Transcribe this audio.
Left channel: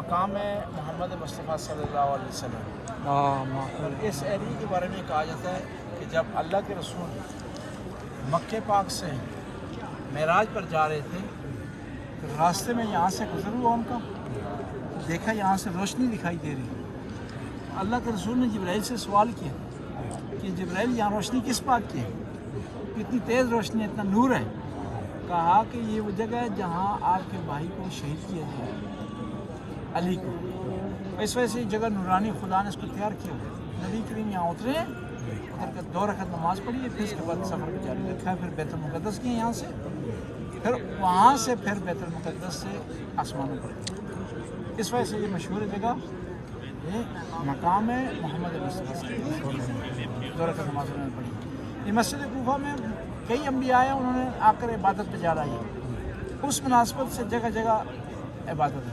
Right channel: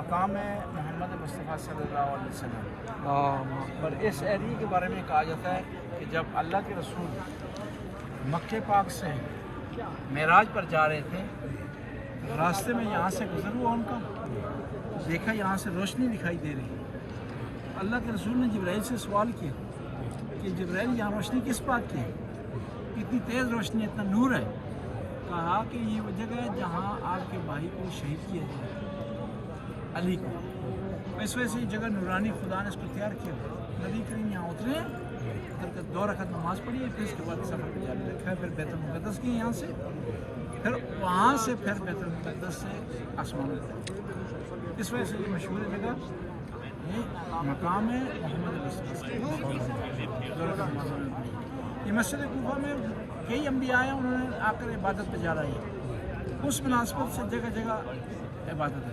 مقام محمد مصطفیٰ صلی اللہ علیہ وسلم، اور اس ایریے کے بارے میں کہا جاتا ہے کہ جب اللہ کے رسول مکہ پاک سے معراج پر جا رہے تھے تو راستے میں یہاں سے گزر ہوا ان کا، دیکھا یہاں سے روشنی دکھائی دے رہی۔ اللہ کے رسول نے جبرائیل سے سوال کیا کہ جبرائیل یہاں روشنی کس بات کی ہے، اتنی تیز روشنی، اتنا نور ہے؟ کہا کہ یہ وہ جگہ ہے جہاں آپ کے بھائی کو شہید کیا گیا، علی کو۔ اس وجہ سے یہ جگہ نورانی خدا نے اس کو تیار کیا۔ نبی کریم یہاں اترے ہیں، اتر کر 2 رکعت نماز پڑھی ہے، پھر اس کے بعد سفر کو جاری رکھا ہے، پھر بیت المقدس گئے یہاں سے، پھر وہاں سے پھر بیت المقدس سے آسمانوں پر۔ اس وجہ سے یہ مشہور جگہ یہ مقام ہے محمد مصطفیٰ صلی اللہ علیہ وسلم، 2 رکعت نماز انہوں نے پڑھی۔ یہ مسجد کوفہ میں کئی انبیاء ہیں، انہوں نے آ کر عبادت پہ جا رہی ہے، اس مناسبت سے جگہ جگہ عبادت ہے۔